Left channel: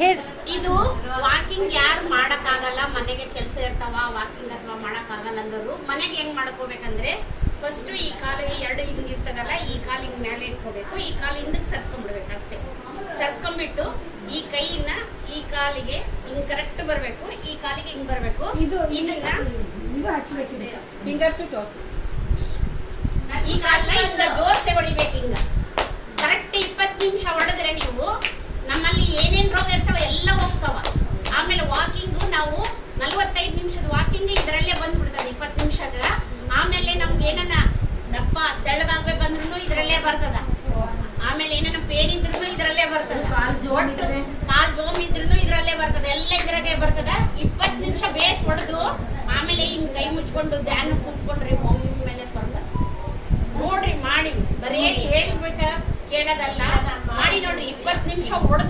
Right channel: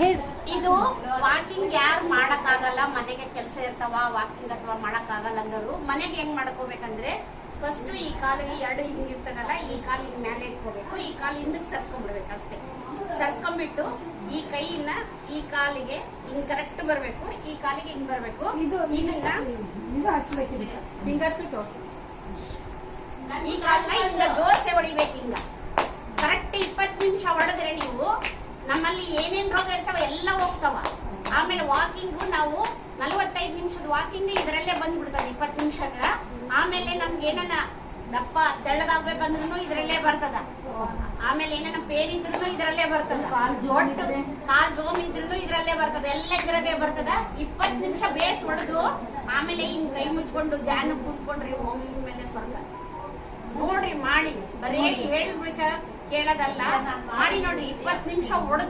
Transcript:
ಹೇಳಿ. ಇದು ವಾಕಿಂಗ್ ಯಾರು ಮಾಡಕ್ಕಾಗಲ್ಲ, ಮನೆಗೆ ಕೆಲಸ ಇರ್ತಾವ, ವಾಕಿಂಗ್ ಅಥವಾ ಮಾಡಕ್ಕಾಗಲ್ಲ ಅಂದರು ಮನೆಗೆ ಹೆಂಗ್ ಮಾಡ್ಕೋಬೇಕಂದ್ರೆ ಫಸ್ಟ್ ಈ ಕಾಲಿಗೆ ಎರಡು ಹಿಂಗಿರ್ತದಲ್ಲ, ಈ ಕಾಲಿಗೆ ಮೇಲೆ ಇಟ್ಕೋಬೇಕು, ಈ ಕಾಲು ಹಿಂದಕ್ಕೆ ಸರ್ಸ್ಕೊಂಡ್ಬಿಡ್ಬೇಕು ಅಷ್ಟೇ. ಸರ್ಸ್ಕೊಂಡ್ಬಿಟ್ಟು ಈ ಕೈನ ಈ ಕಾಲಿಗೆ ಹಿಂಗ್ ಕರೆಕ್ಟ್ ಬರಬೇಕು, ಈ ಕಾಲಿಗೆ ಹಿಂಗ್ ಬರಬೇಕು. ಇದನ್ನ ಫಿಂಗರ್ಸ್ ಟೋಸ್ ಈ ಕಾಲನ್ನ ಹಿಂಗ ಜೋರ್ಸೆ ಹೊಡಿಬೇಕು. ಹಿಂಗ ಕರೆಕ್ಟ್ 20 ನಿಮಿಷ ಹೊಡೆದ್ರೆ ನೀವು ನಮ್ಮಲ್ಲಿ ಏನೇನ್ ರೋಗ ಇರ್ತಾವ ಎಲ್ಲ ಹೋಗ್ತಾವ. ಆಮೇಲೆ ವಾಕಿಂಗು ನಾವು 45 ನಿಮಿಷದ ವಾಕಿಂಗ್ ಇದರಲ್ಲೇ ಬಂದ್ಬಿಡ್ತದೆ 20 ನಿಮಿಷಗ. ಆಮೇಲೆ ನಮ್ಗೆ ಏನನ್ನ ದಪ್ಪ ತೆಳ್ಳಗಾಗ್ಬೇಕಂದ್ರೂ ಇದರಲ್ಲೇ ಬರ್ತದ. ಆಮೇಲೆ ಏನನ್ನ ಪೇನ್ ಇದ್ರೂ ಇದರಲ್ಲೇ ಬರ್ತದ, ಒಟ್ಟು ಕಾಲ್ ಜೋಮ್ ಇದ್ರೂ ಇದರಲ್ಲೇ ಬರ್ತದ, ಎಲ್ಲ ಇದ್ರಾಗೆ ಬರ್ತದ. 20 ನಿಮಿಷ ಬೇಸ್ ಹೊಡೆದು ಆಮೇಲೆ ಹಿಂಗ್ ಕೈ ಮುಚ್ಕೊಂಡು ಧ್ಯಾನ ಕೂತ್ಕೊಂಡ್ರಿ ಒಮ್ಮೆಲೆ ಸ್ವರ್ಗ ನೋಡ್ರಿ. ಮಾಡಿ ಬರೀ ಹೇಳ್ಬೇಕ ಕೇಳೋದಲ್ಲ, ಮಾಡಿ ನೋಡ್ರಿ. 20 ನಿಮಿಷ ಹೊಡೆದು